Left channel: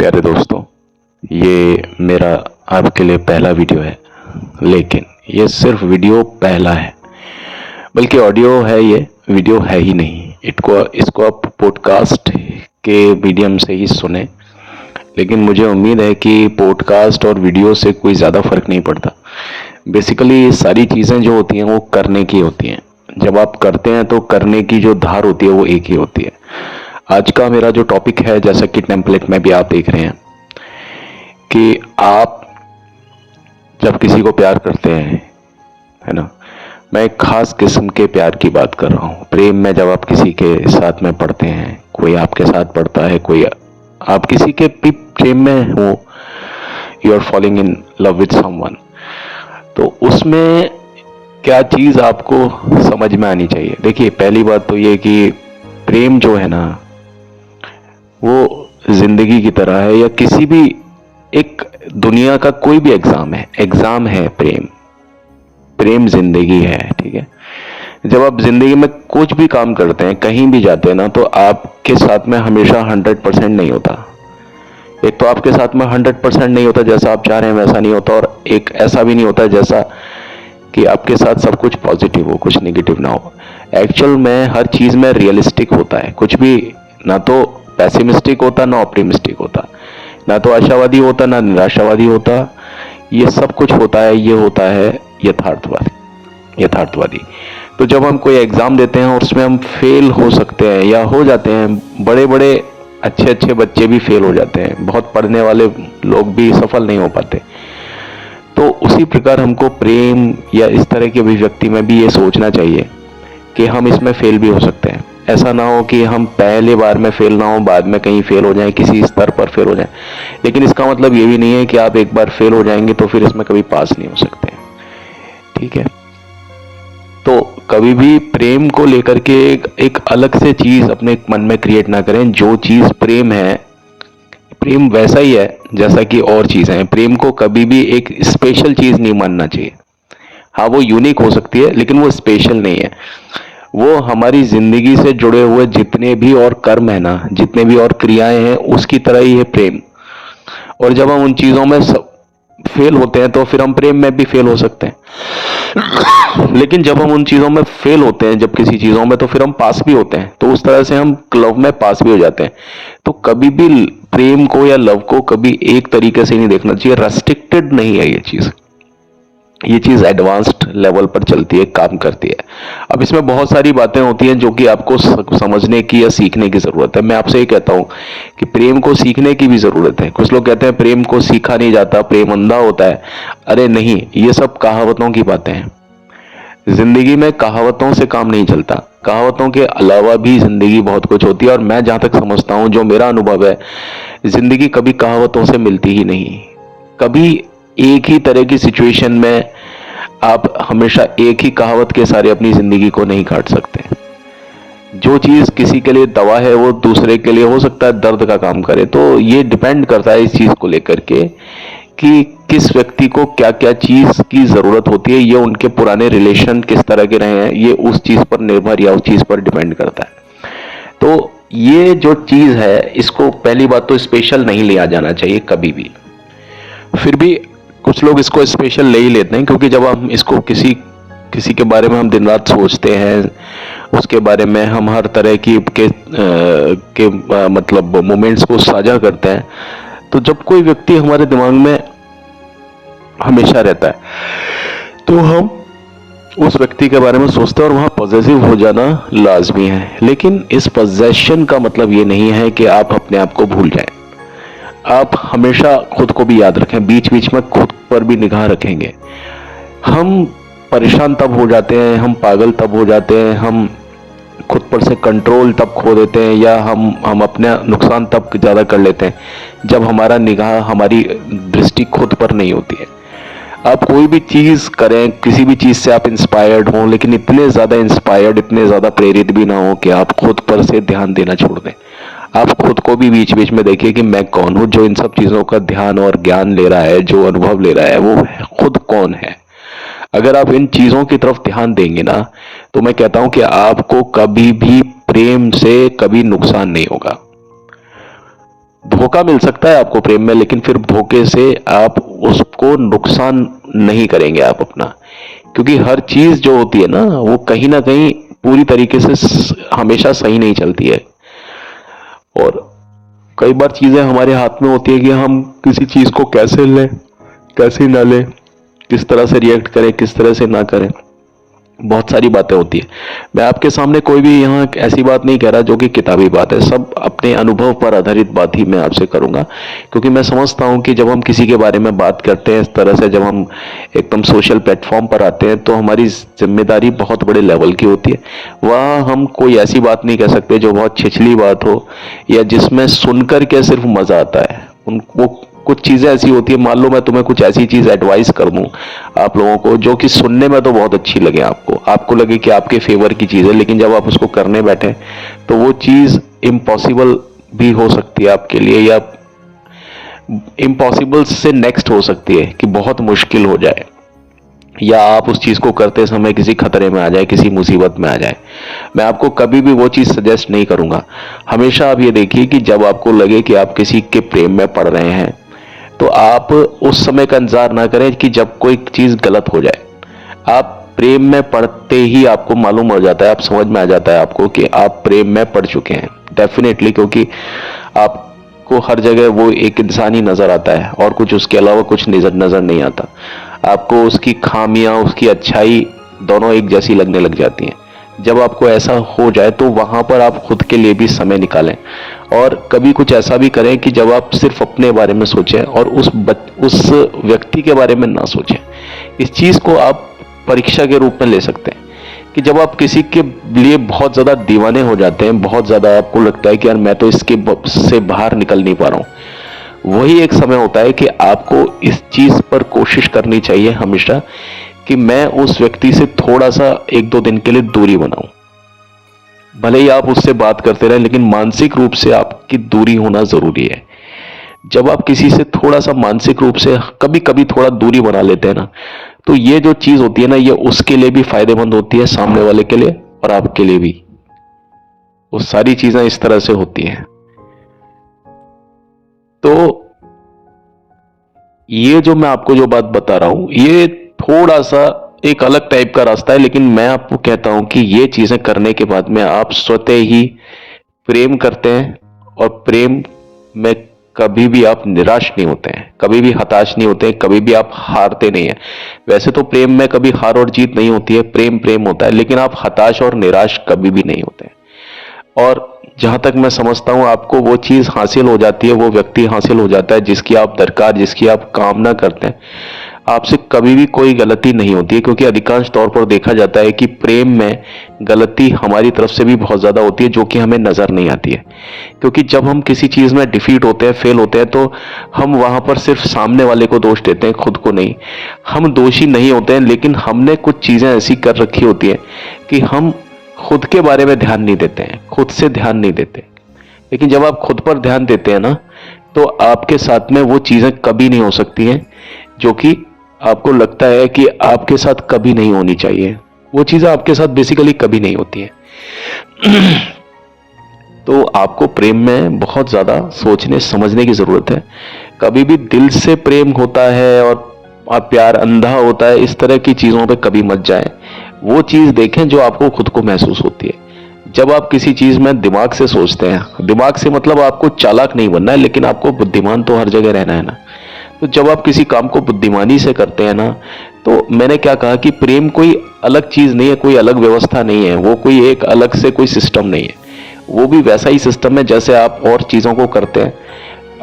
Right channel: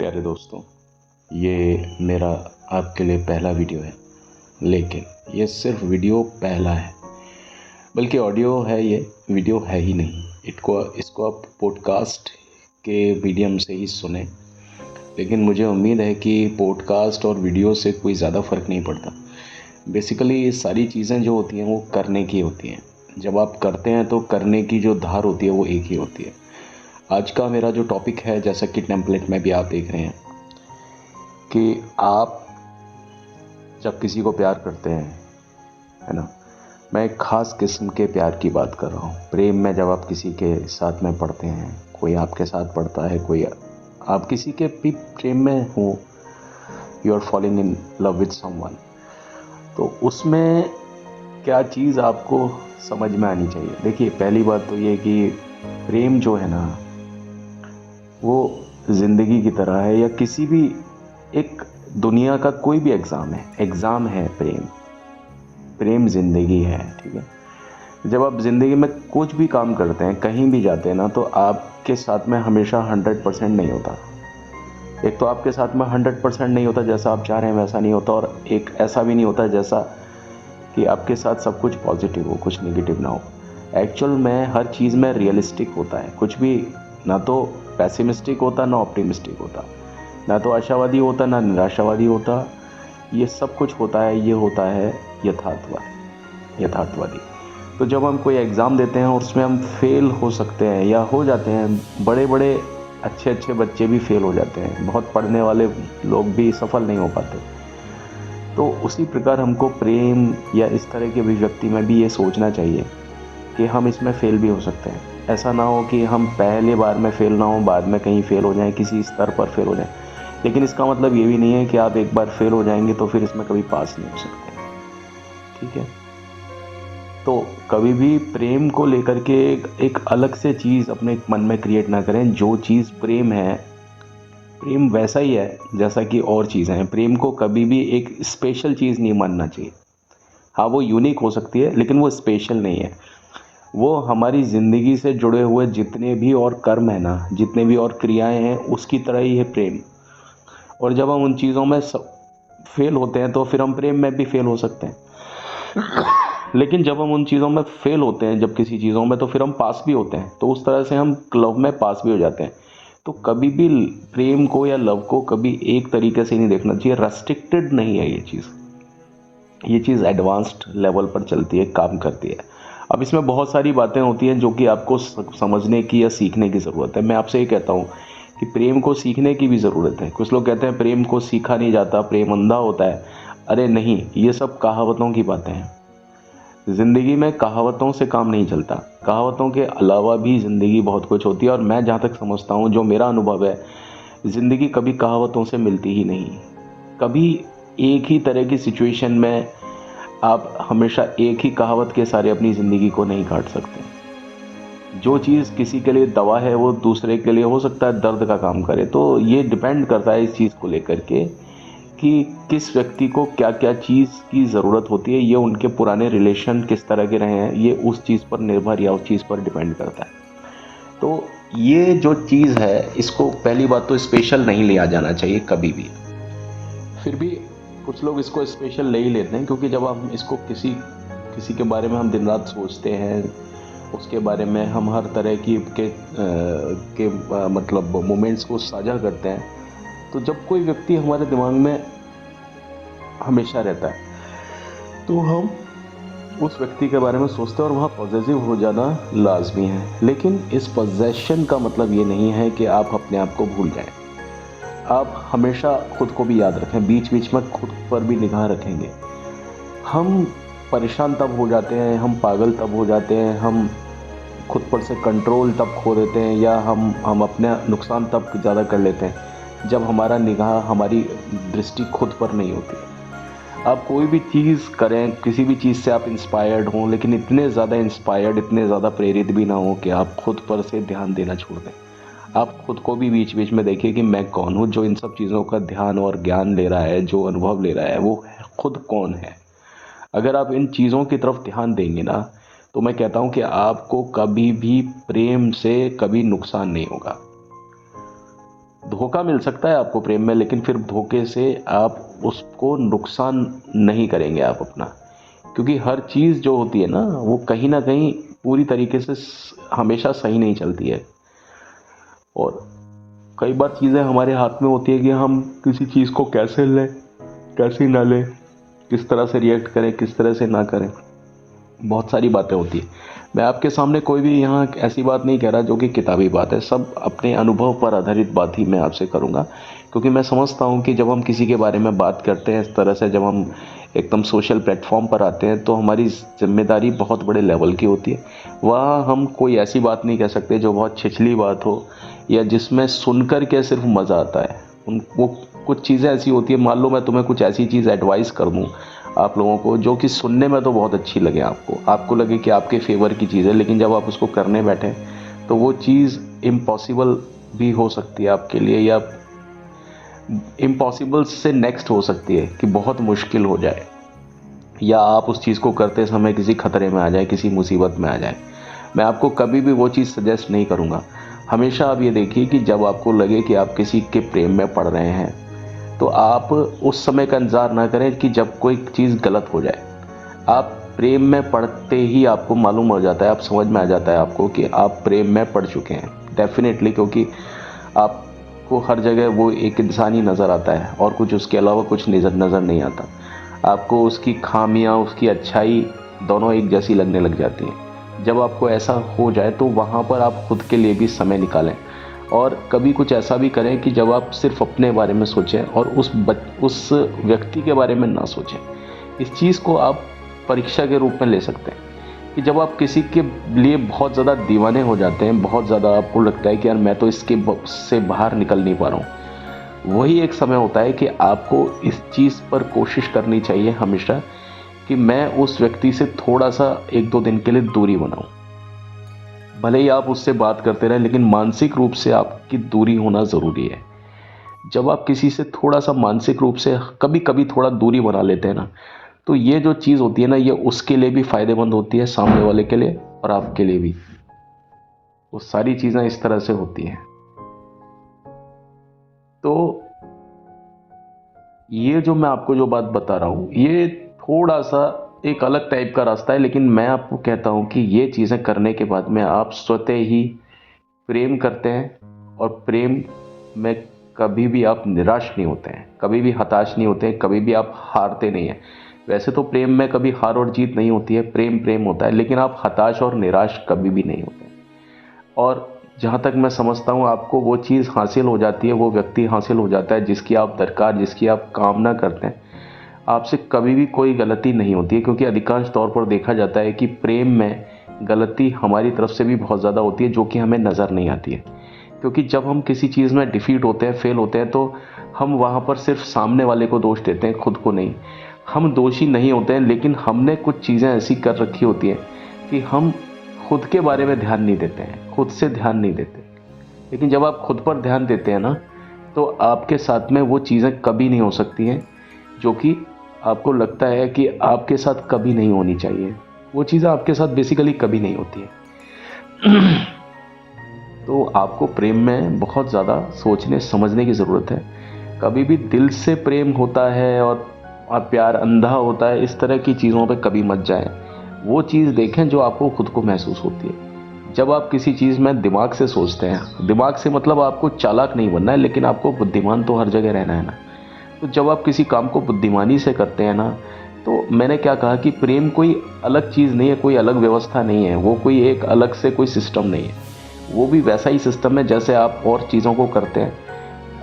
प्यारे दोस्तों, ये मेरा आपके लिए पहला वीडियो है। लेकिन ये सिर्फ वीडियो पहला है, बल्कि ऑडियो है, ये वीडियो है ही नहीं। इसको आप पॉडकास्ट के मीडियम से ही सुने। लेकिन मुझे उम्मीद है कि पॉडकास्ट और वीडियो से कोई ज़्यादा फ़र्क नहीं पड़ता। बेसिकली सारी चीज़ें जो होती हैं वो करने की होती हैं। जब आप करते हैं तो करने की जो धार होती है वो एक ही होती है। आज का मेरा जो टॉपिक है, जैसा कि टेम्पलेट में भी आप देख रहे हैं, कि आप जब किसी को प्यार करते हैं, है ना, मैं एक खास किस्म के प्यार की बात कर रहा हूँ। प्रेम में जब आप किसी के साथ में पढ़ते हैं, कोई आपके साथ पढ़ता है, कोई आप किसी के भी प्रेम में हो, you are falling in love with someone, तो उसमें क्या चीज़ आपको समझ में आनी चाहिए। देखिए, पहली बात तो ये कि प्रेम जो है ना, वो जिंदगी की तरह है, या किसी भी एक दुनिया का कोई भी एग्जाम है प्रेम जिंदगी है। ठीक है, जब आप जिंदगी में कुछ भी काम करते हैं, कहीं भी जाते हैं ना, तो आपके साथ में हमेशा 100% नहीं होता। एक तो आपके साथ में 100% नहीं होता, जैसा आप चाह रहे हैं वैसा नहीं होता, और एक ऐसा भी नहीं होता जैसा कि आपके साथ सब कुछ पॉजिटिव हो, कुछ नेगेटिव ना हो। एक्चुअल में हर चीज में रियलिस्टिक होता है, कुछ भी ना तो पैसिमिस्टिक होता ना ऑप्टिमिस्टिक होता, ना तो आशावादी होता ना निराशावादी होता। ये सब कुछ होता है, ये होता है यथार्थवादी। तो जब हम कोई एग्जाम देते हैं और उसमें हम फेल हो सकते हैं या हो जाते हैं, बड़े बड़े अच्छे अच्छे बच्चे भी फेल हो जाते हैं, बहुत पढ़ने वाले लोग भी सफल नहीं हो पाते। तो उसी प्रकार हमको प्रेम या इस तरह की अभिव्यक्ति में भी ये सोचना चाहिए कि हम इसमें फेल भी हो सकते हैं। ऐसा ना हो कि हम पहले बार में फेल ना हो, बाद में कहीं फेल हो जाएं, किसी स्तर पर फेल हो जाएं। लेकिन इसका मतलब ये भी नहीं है कि आप एक बार फेल हो जाएंगे तो फिर इसमें कभी पास नहीं हो सकते। ठीक है, तो कभी भी प्रेम को लेकर के एक अलग से चीज अपने मन में क्रिएट ना करें। जो चीज प्रेम है, प्रेम वैसा ही है जैसा कि और चीजें हैं। प्रेम को कभी भी एक स्पेशल चीज नहीं मानना चाहिए। हाँ, वो यूनिक हो सकती है, लेकिन वो स्पेशल नहीं है। वो हमारी जिंदगी से जुड़े हुए जितने भी और कर्म है ना, जितने भी और क्रियाएं हैं, उसकी तरह ही है प्रेम। और जब हम उन चीजों में फेल होते हैं तो फिर हम प्रेम में भी फेल हो सकते हैं। लेकिन जब हम उन चीजों में फेल होते हैं, जब किसी चीजों में, तो फिर हम पास भी होते हैं। तो उस तरह से हम लव में पास भी हो जाते हैं। तो कभी भी प्रेम को या लव को कभी एक तरीके से नहीं देखना चाहिए। रेस्ट्रिक्टेड नहीं है ये चीज एडवांस्ड लेवल पर चलती है, काम करती है। अब इसमें बहुत सारी बातें होती हैं जो कि आपको समझने की या सीखने की जरूरत है। मैं आपसे ये कहता हूं कि प्रेम को सीखने की भी जरूरत है। कुछ लोग कहते हैं प्रेम को सीखा नहीं जाता, प्रेम अंधा होता है। अरे नहीं, ये सब कहावतों की बातें हैं। जिंदगी में कहावतों से काम नहीं चलता। कहावतों के अलावा भी जिंदगी बहुत कुछ होती है। और मैं जहां तक समझता हूं, जो मेरा अनुभव है, जिंदगी कभी कहावतों से मिलती ही नहीं। कभी एक ही तरह की सिचुएशन में आप हमेशा एक ही कहावत के सारे अपनी जिंदगी को नहीं काट सकते। जो चीज किसी के लिए दवा है, वो दूसरे के लिए हो सकता है दर्द का काम करे। तो ये डिपेंड करता है इस चीज को लेकर के कि किस व्यक्ति को क्या क्या चीज की जरूरत होती है। ये उनके पुराने रिलेशन किस तरह के रहे हैं, ये उस चीज पर निर्भर या उस चीज पर डिपेंड करता है। तो ये जो चीज है, इसको पहली बात तो स्पेशल नहीं लिया जाना चाहिए कभी भी। फिर भी कुछ लोग इसको स्पेशल ले ही लेते हैं, क्योंकि जब हम इसको किसी किसी के बारे में हम दिन रात सोचते हैं, उसके बारे में हम हर तरह की मतलब मोमेंट्स को साझा करते हैं, तो जब कोई व्यक्ति हमारे दिमाग में हमेशा रहता है तो हम उस व्यक्ति के बारे में सोचते हैं, और वहां पॉजिटिव हो जाना लाजमी है। लेकिन इस पोजेशन का मतलब ये नहीं है कि आप अपने आप को भूल जाएं। आप हमेशा खुद को भी याद रखें, बीच बीच में खुद पर भी निगाह रखेंगे। हम परेशान तब हो जाते हैं, हम पागल तब हो जाते हैं, हम खुद पर से कंट्रोल तब खो देते हैं, या हम अपना नुकसान तब ज़्यादा कर लेते हैं जब हमारा निगाह, हमारी दृष्टि खुद पर नहीं होती है। आप कोई भी चीज़ करें, किसी भी चीज़ से आप इंस्पायर्ड हों, लेकिन इतने ज़्यादा इंस्पायर्ड, इतने ज़्यादा प्रेरित भी ना हो कि आप खुद पर से ध्यान देना छोड़ दें। आप खुद को भी बीच बीच में देखिए कि मैं कौन हूं जो इन सब चीजों का ध्यान और ज्ञान ले रहा है, जो अनुभव ले रहा है, वो खुद कौन है। अगर आप इन चीजों की तरफ ध्यान देंगे ना, तो मैं कहता हूं कि आपको कभी भी प्रेम से कभी नुकसान नहीं होगा। धोखा मिल सकता है आपको प्रेम में, लेकिन फिर धोखे से आप उसको नुकसान नहीं करेंगे आप अपना, क्योंकि हर चीज जो होती है ना वो कहीं ना कहीं पूरी तरीके से हमेशा सही नहीं चलती है। और कई बार चीजें हमारे हाथ में होती है कि हम किसी चीज को कैसे लें, कैसे ना लें, किस तरह से रिएक्ट करें, किस तरह से ना करें। बहुत सारी बातें होती है। मैं आपके सामने कोई भी यहाँ ऐसी बात नहीं कह रहा जो कि किताबी बात है, सब अपने अनुभव पर आधारित बात ही मैं आपसे करूंगा, क्योंकि मैं समझता हूँ कि जब हम किसी के बारे में बात करते हैं इस तरह से, जब हम एकदम सोशल प्लेटफॉर्म पर आते हैं, तो हमारी जिम्मेदारी बहुत बड़े लेवल की होती है। वहाँ हम कोई ऐसी बात नहीं कह सकते जो बहुत छिछली बात हो या जिसमें सुनकर के सिर्फ मजा आता है। उन वो कुछ चीजें ऐसी होती है, मान लो मैं तुम्हें कुछ ऐसी चीज एडवाइस कर दूं आप लोगों को जो कि सुनने में तो बहुत अच्छी लगे, आपको लगे कि आपके फेवर की चीज है, लेकिन जब आप उसको करने बैठे तो वो चीज इम्पॉसिबल भी हो सकती है आपके लिए, या इम्पॉसिबल से नेक्स्ट हो सकती है कि बहुत मुश्किल हो जाए, या आप उस चीज को करते समय किसी खतरे में आ जाए, किसी मुसीबत में आ जाए। मैं आपको कभी भी वो चीज सजेस्ट नहीं करूंगा। हमेशा आप ये देखिए कि जब आपको लगे कि आप किसी के प्रेम में पड़ रहे हैं, तो आप उस समय का इंतजार ना करें कि जब कोई चीज गलत हो जाए। आप प्रेम में पड़ते ही आपको मालूम हो जाता है, आप समझ में आ जाता है आपको कि आप प्रेम में पड़ चुके हैं डेफिनेटली, क्योंकि आपको हर जगह वो एक इंसान ही नजर आता है और कुछ उसके अलावा कुछ नजर नहीं आता। आपको उसकी खामियां, उसकी अच्छाई दोनों एक जैसी लगने लग जाती हैं। जब आपको ऐसा हो जाए तो वहां पर आप खुद के लिए भी समय निकालें, और कभी कुछ ऐसा भी करें कि जब आप सिर्फ अपने बारे में सोचें और उस व्यक्ति के बारे में ना सोचें। इस चीज को आप परीक्षा के रूप में ले सकते हैं कि जब आप किसी के लिए बहुत ज्यादा दीवाने हो जाते हैं, बहुत ज्यादा आपको लगता है कि यार मैं तो इसके से बाहर निकल नहीं पा रहा हूं, वही एक समय होता है कि आपको इस चीज पर कोशिश करनी चाहिए हमेशा कि मैं उस व्यक्ति से थोड़ा सा 1-2 दिन के लिए दूरी बनाऊं। भले ही आप उससे बात करते रहें, लेकिन मानसिक रूप से आपकी दूरी होना जरूरी है। जब आप किसी से थोड़ा सा मानसिक रूप से कभी कभी थोड़ा दूरी बना लेते हैं ना, तो ये जो चीज होती है ना, ये उसके लिए भी फायदेमंद होती है, सामने वाले के लिए और आपके लिए भी। वो सारी चीजें इस तरह से होती हैं। तो ये जो मैं आपको जो बात बता रहा हूं, ये थोड़ा सा एक अलग टाइप का रास्ता है, लेकिन मैं आपको कहता हूं कि ये चीजें करने के बाद में आप स्वतः ही प्रेम करते हैं, और प्रेम में कभी भी आप निराश नहीं होते हैं, कभी भी हताश नहीं होते हैं, कभी भी आप हारते नहीं हैं। वैसे तो प्रेम में कभी हार और जीत नहीं होती है, प्रेम प्रेम होता है, लेकिन आप हताश और निराश कभी भी नहीं होते हैं। और जहां तक मैं समझता हूं आपको वो चीज हासिल हो जाती है, वो व्यक्ति हासिल हो जाता है जिसकी आप दरकार, जिसकी आप कामना करते हैं। आपसे कभी भी कोई गलती नहीं होती है, क्योंकि अधिकांश तौर पर देखा जाता है कि प्रेम में गलती हमारी तरफ से भी बहुत ज्यादा होती है, जो कि हमें नजर नहीं आती है। क्योंकि जब हम किसी चीज में डिफीट होते हैं, फेल होते हैं, तो हम वहां पर सिर्फ सामने वाले को दोष देते हैं, खुद को नहीं। हम दोषी नहीं होते हैं, लेकिन हमने कुछ चीजें ऐसी कर रखी होती है कि हम खुद के बारे में ध्यान नहीं देते हैं, खुद से ध्यान नहीं देते। लेकिन जब आप खुद पर ध्यान देते हैं ना, तो आपके साथ में वो चीजें कभी नहीं हो सकती हैं जो कि आपको लगता है कि आपके साथ कभी नहीं होनी चाहिए। वो चीजें आपके साथ बेसिकली कभी नहीं होती है। तो आपको प्रेम में बहुत ज्यादा सोचने समझने की जरूरत है। कभी भी दिल से प्रेम होता है और प्यार अंधा होता है, इस तरह की चीजों पे कभी मत जाएं। वो चीज देखें जो आपको खुद को महसूस होती है। जब आप किसी चीज में दिमाग से सोचते हैं, दिमाग से मतलब आपको चालाक नहीं बनना है, लेकिन आपको बुद्धिमान तो हर जगह रहना है ना। तो जब आप किसी काम को बुद्धिमानी से करते हैं ना, तो मैंने क्या कहा कि प्रेम कोई अलग चीज नहीं है, कोई अलग व्यवस्था नहीं है, वो कोई एक अलग से कोई सिस्टम नहीं है। वो भी वैसा ही सिस्टम है जैसे आप और चीजों को करते हैं।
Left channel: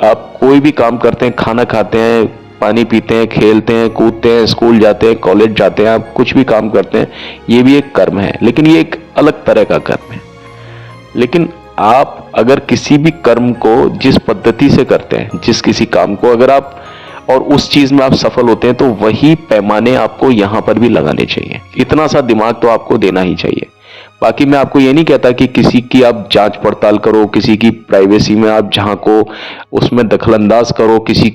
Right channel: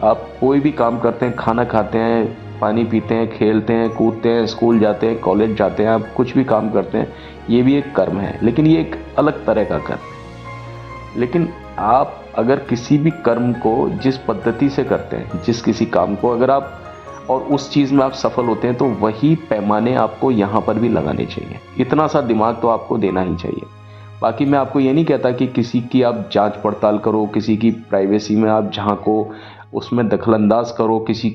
आप कोई भी काम करते हैं, खाना खाते हैं, पानी पीते हैं, खेलते हैं, कूदते हैं, स्कूल जाते हैं, कॉलेज जाते हैं, आप कुछ भी काम करते हैं, ये भी एक कर्म है, लेकिन ये एक अलग तरह का कर्म है। लेकिन आप अगर किसी भी कर्म को जिस पद्धति से करते हैं, जिस किसी काम को अगर आप और उस चीज में आप सफल होते हैं, तो वही पैमाने आपको यहां पर भी लगाने चाहिए। इतना सा दिमाग तो आपको देना ही चाहिए। बाकी मैं आपको ये नहीं कहता कि किसी की आप जांच पड़ताल करो, किसी की प्राइवेसी में आप झांको, उसमें दखलंदाज करो, किसी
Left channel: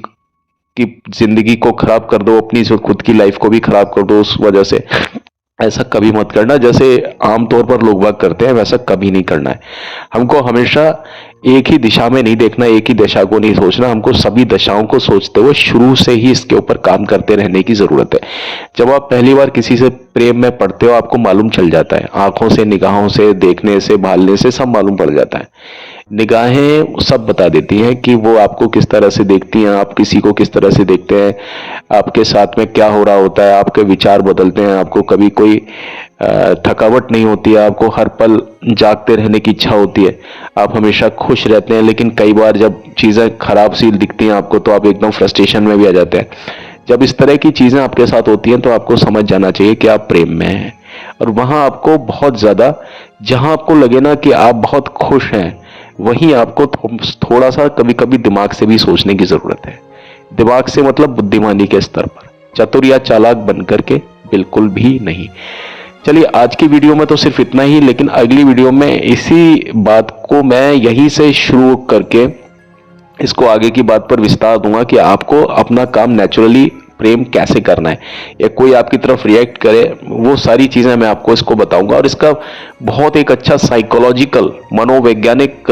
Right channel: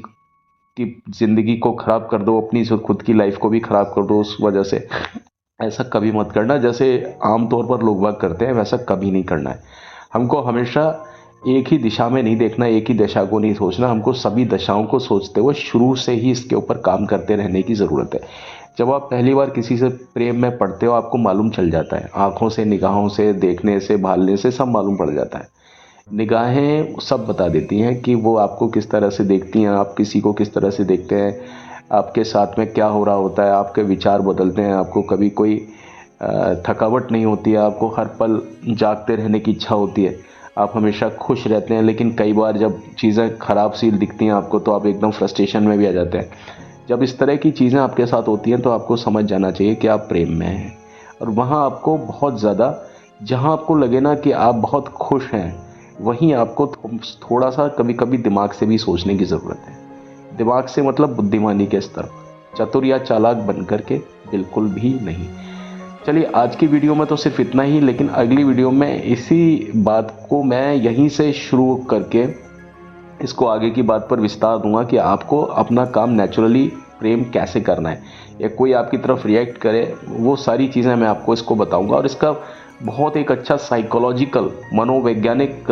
की जिंदगी को खराब कर दो, अपनी खुद की लाइफ को भी खराब कर दो उस वजह से। ऐसा कभी मत करना। जैसे आमतौर पर लोग बात करते हैं, वैसा कभी नहीं करना है। हमको हमेशा एक ही दिशा में नहीं देखना, एक ही दशा को नहीं सोचना, हमको सभी दशाओं को सोचते हुए शुरू से ही इसके ऊपर काम करते रहने की जरूरत है। जब आप पहली बार किसी से प्रेम में पड़ते हो आपको मालूम चल जाता है, आंखों से, निगाहों से, देखने से, भालने से सब मालूम पड़ जाता है। निगाहें सब बता देती हैं कि वो आपको किस तरह से देखती हैं, आप किसी को किस तरह से देखते हैं, आपके साथ में क्या हो रहा होता है, आपके विचार बदलते हैं, आपको कभी कोई थकावट नहीं होती है, आपको हर पल जागते रहने की इच्छा होती है, आप हमेशा खुश रहते हैं। लेकिन कई बार जब चीज़ें खराब सी दिखती हैं आपको तो आप एकदम फ्रस्ट्रेशन में भी आ जाते हैं। जब इस तरह की चीज़ें आपके साथ होती हैं तो आपको समझ जाना चाहिए कि आप प्रेम में हैं। और वहाँ आपको बहुत ज़्यादा, जहाँ आपको लगे ना कि आप बहुत खुश हैं, वहीं आपको थोड़ा सा कभी कभी दिमाग से भी सोचने की ज़रूरत है। दिमाग से मतलब बुद्धिमानी के स्तर पर, चतुर या चालाक बन करके बिल्कुल भी नहीं। चलिए आज की वीडियो में तो सिर्फ इतना ही, लेकिन अगली वीडियो में इसी बात को मैं यहीं से शुरू करके इसको आगे की बात पर विस्तार दूंगा कि आपको अपना काम नेचुरली प्रेम कैसे करना है, या कोई आपकी तरफ रिएक्ट करे, वो सारी चीज़ें मैं आपको इसको बताऊंगा। और इसका बहुत एक अच्छा साइकोलॉजिकल, मनोवैज्ञानिक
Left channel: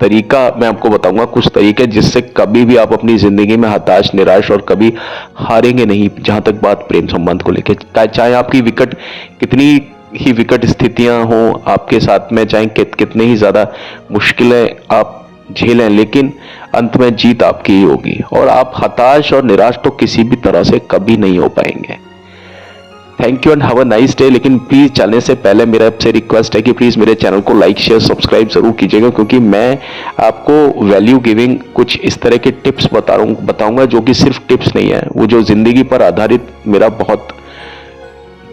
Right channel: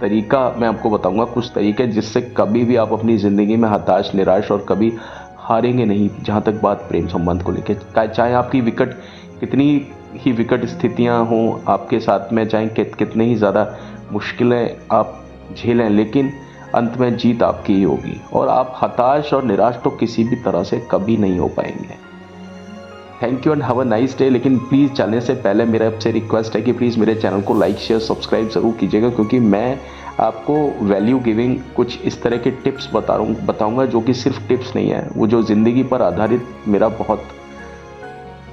तरीका मैं आपको बताऊंगा, कुछ तरीके जिससे कभी भी आप अपनी ज़िंदगी में हताश, निराश और कभी हारेंगे नहीं। जहाँ तक बात प्रेम संबंध को लेकर, चाहे आपकी विकट कितनी ही विकट स्थितियां हों आपके साथ में, चाहे कितने ही ज़्यादा मुश्किलें आप झेलें, लेकिन अंत में जीत आपकी ही होगी और आप हताश और निराश तो किसी भी तरह से कभी नहीं हो पाएंगे। Thank you and have a nice day. लेकिन प्लीज़ चलने से पहले मेरा आपसे रिक्वेस्ट है कि प्लीज़ मेरे चैनल को लाइक, शेयर, सब्सक्राइब जरूर कीजिएगा, क्योंकि मैं आपको वैल्यू गिविंग कुछ इस तरह के टिप्स बताऊंगा जो कि सिर्फ टिप्स नहीं है, वो जो ज़िंदगी पर आधारित मेरा बहुत,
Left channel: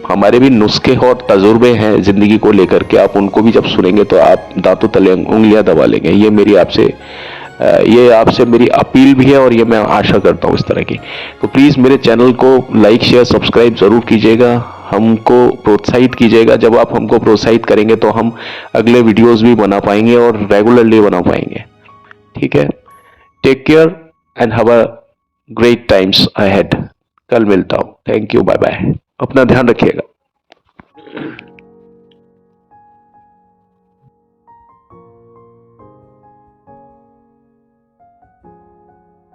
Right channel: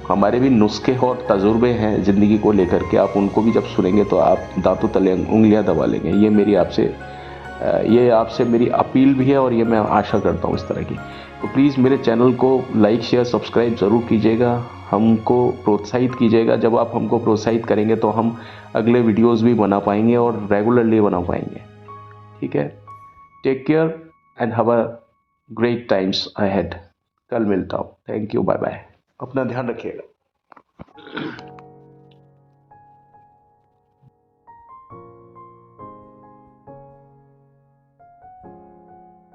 हमारे भी नुस्खे और तजुर्बे हैं ज़िंदगी को लेकर के। आप उनको भी जब सुनेंगे तो आप दांतों तले उंगलियां दबा लेंगे। ये आपसे मेरी अपील भी है और ये मैं आशा करता हूँ इस तरह की। तो प्लीज़ मेरे चैनल को लाइक, शेयर, सब्सक्राइब ज़रूर कीजिएगा, हमको प्रोत्साहित कीजिएगा। जब आप हमको प्रोत्साहित करेंगे तो हम अगले वीडियोज़ भी बना पाएंगे और रेगुलरली बना पाएंगे। ठीक है, take care and have a great times ahead. कल मिलता हूँ। थैंक यू, बाय बाय, अपना ध्यान रखिएगा।